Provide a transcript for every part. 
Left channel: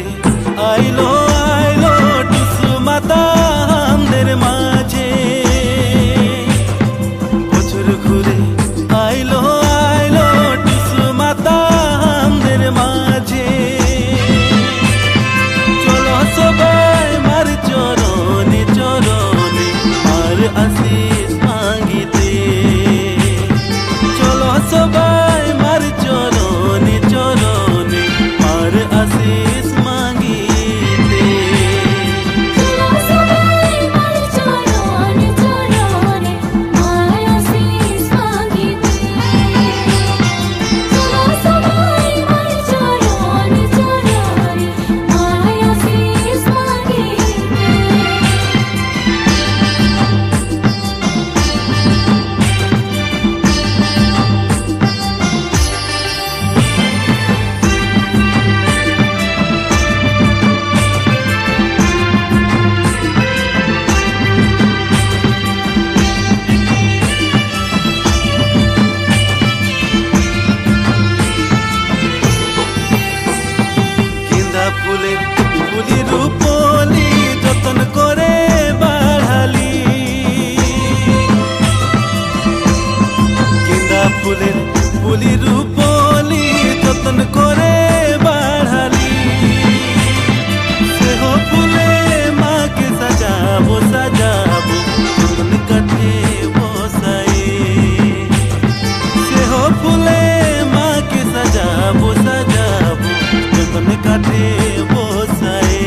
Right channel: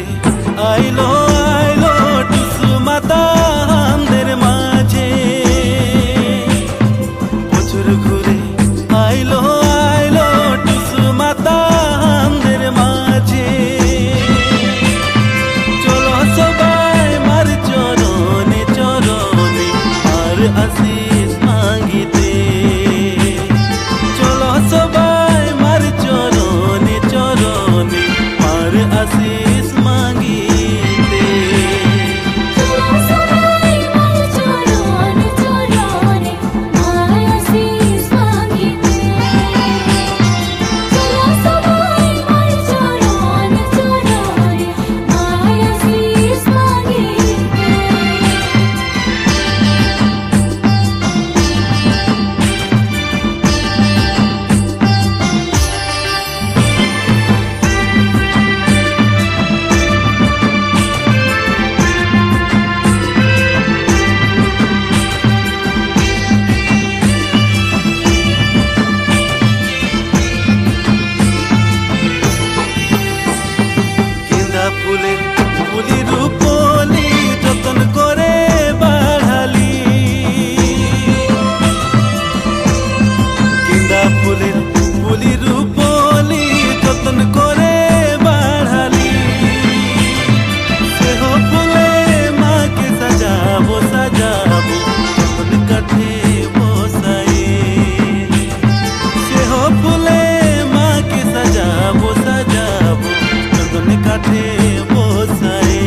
ঘুরে আইলো আইলো টুসু মাতা আমাদের মাঝে। বছর ঘুরে আইলো আইলো টুসু মাতা আমাদের মাঝে। চলো সবাই মার চরণে চরণে আর আশিস মাগিতে। চলো সবাই মার চরণে চরণে আর আশিস মাগিতে। ফুলের ফুলি রূপলি যতন করে বাড়ালি। গেন্দা ফুলের ফুলি রূপলি যতন করে বাড়ালি। সেহ ফুলে মাকে সাজাবো সাজাবো যতন কাঠে বসাই। সেহ ফুলে মাকে সাজাবো সাজাবো চন্দন কাঠে বসাই।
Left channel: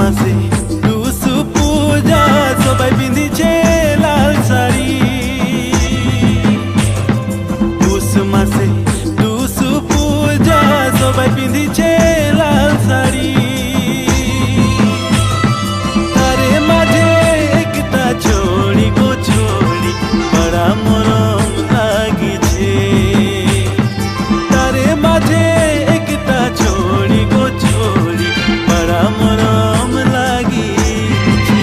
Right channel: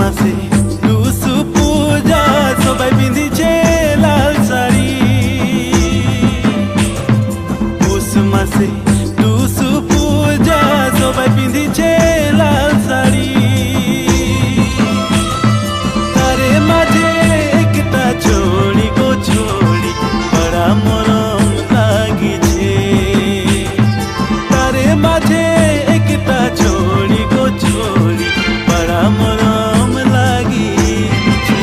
মাসে টুসু পূজা সবাই পিঁধিছে লাল শাড়ি। পুষ মাসে টুসু পূজা সবাই পিঁধিছে লাল শাড়ি। তারে মাঝে একটা ছোড়ি গো ছোড়ি বড়া মরম লাগিছে। তারে মাঝে একটা ছোড়ি গো ছোড়ি বড়া মরম লাগিছে।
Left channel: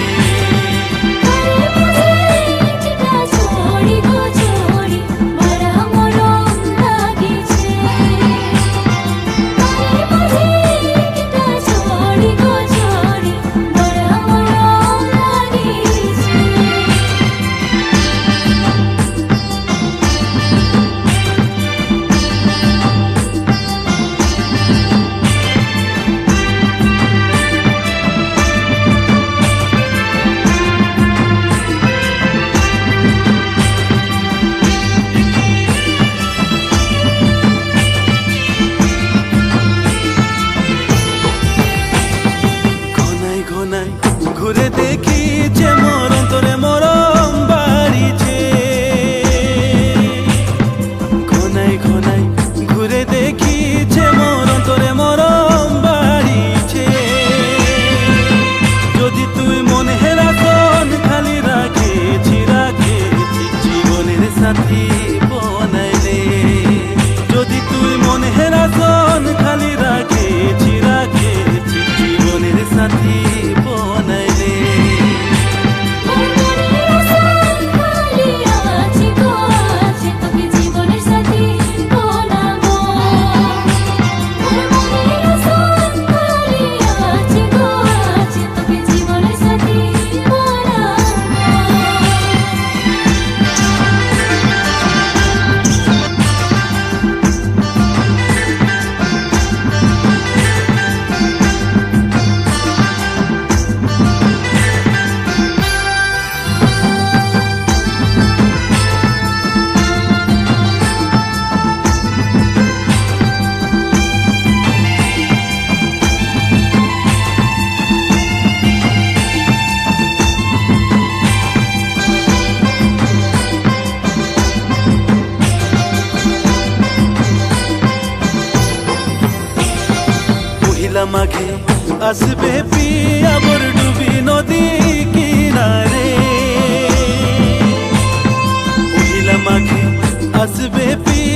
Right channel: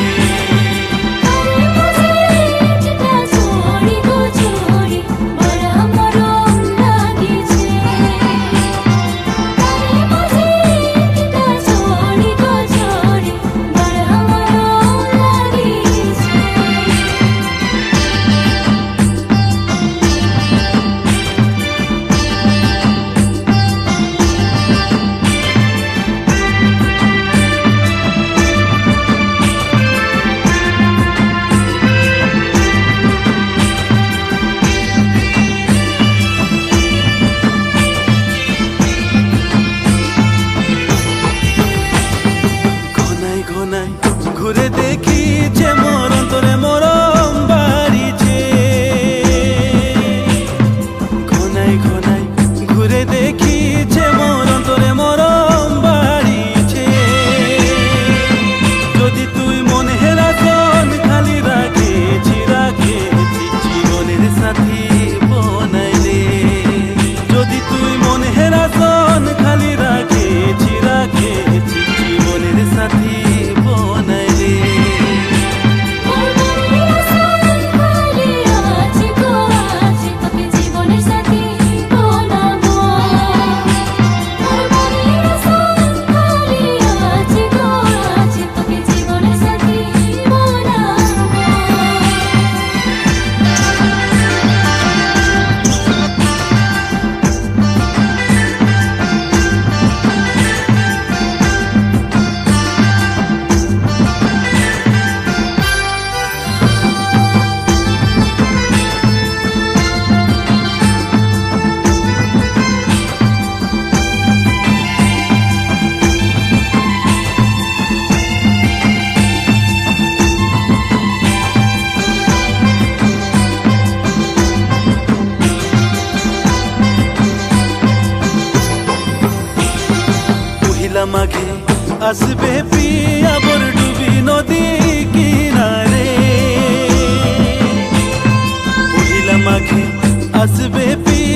ঘনাই ঘুরে দেখি যে মোর অন্তরে মরম বাড়িছে। ঘনাই ঘনাই ঘুরে দেখি যে মোর অন্তরে মরম বাড়িছে। যদি তুই মনে হেরাতন খালি রাখেছি রাখেছি জীবনের সাথী বনাইলে। যদি তুই মনে হেরাতন খালি রাখেছি রাখেছি জীবনের সাথী বনাইলে। মাঘে আসবে পিয়া বরডুবি নদী কিনারে পহিলা মাঘে আসবে পিয়া